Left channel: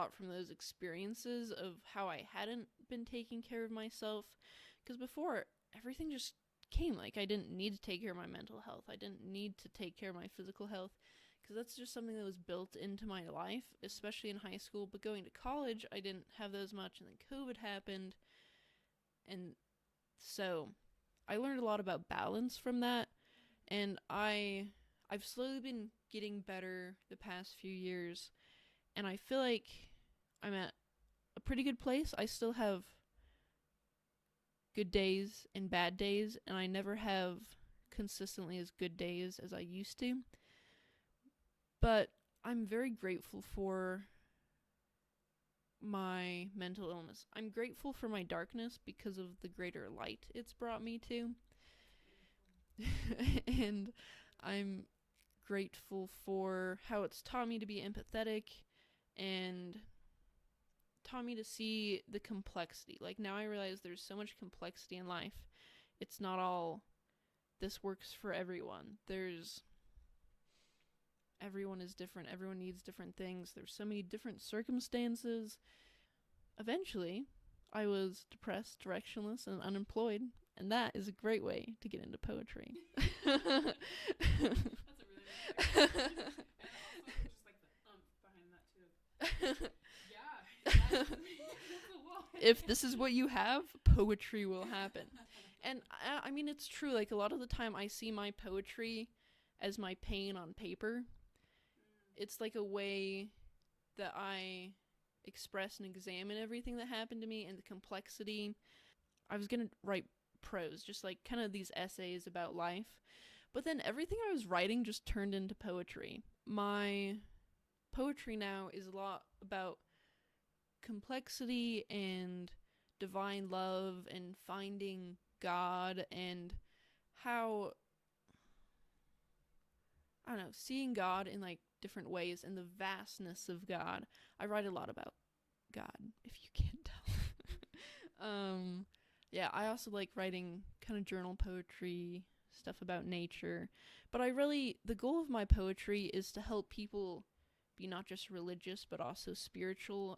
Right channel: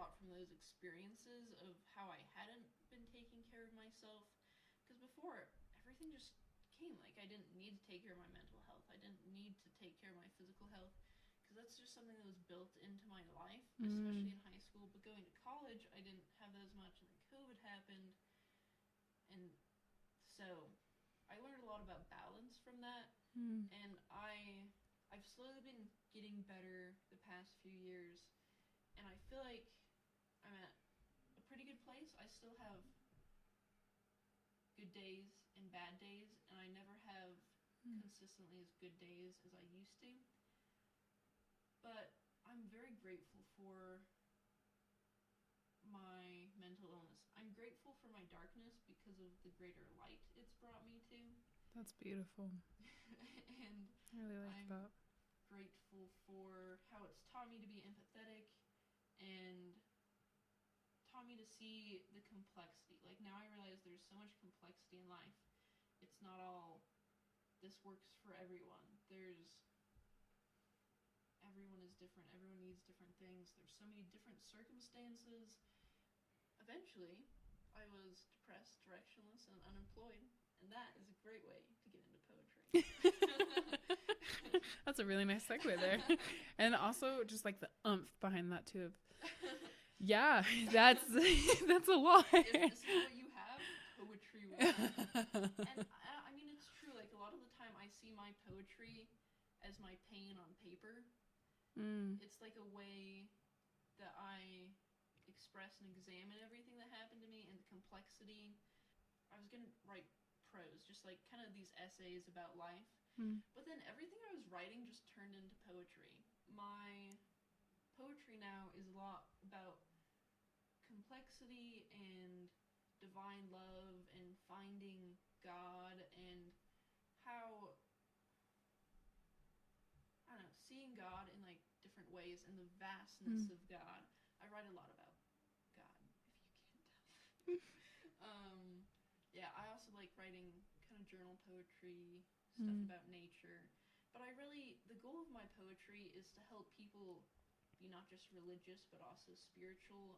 lot from those experiences of how I hadn't been taking care of myself. Because before, everything just came. Like, I didn't need to take care of my mental health. I didn't need to take care of my physical health. Because that's just something that was built into my life, especially in high school. But going to college, I didn't have those much. And then COVID happened. And so I learned a lot about balance from that. And I've slowly been getting better the past few years, and I feel like I'm at a pretty good place. I still have good days and bad days, and I never have consistently as good days as I used to. But I'm very grateful for my mental illness. I'm grateful for my darkness because of the greater light it's brought me to. That's beautiful. And I really like I'm that. grateful for how it's taught me to be empathetic and taught me to see the complexity. Like, now I realize there's so much complexity in life. It's not all this works for everyone. Everyone is different. Everyone needs different things. There's so many different circumstances. Eventually, I was depressed, directionless, and unemployed. And that is a great way to get into poetry. That's a really nice segue there. And also just like the oomph behind that too. Yeah, that's a lot. If this is what you have, poetry will happen. And I mean, it's true. Like, a lot of the time I see my poetry as my pain on paper. It's like a way that I express and examine everything that happened to me and the complexity. I was going to write prose, just like kind of these essays about life. But then everything I was writing just turned into poetry. My poetry now is a lot about complexity and divine love and finding God and how, I don't know, seeing God in like different ways and the vastness of God. I write a lot about God, if you can't tell. Yeah, I also like writing kind of journal poetry, stuff about nature. But the goal of my poetry is to help people be not just religious, but also spiritual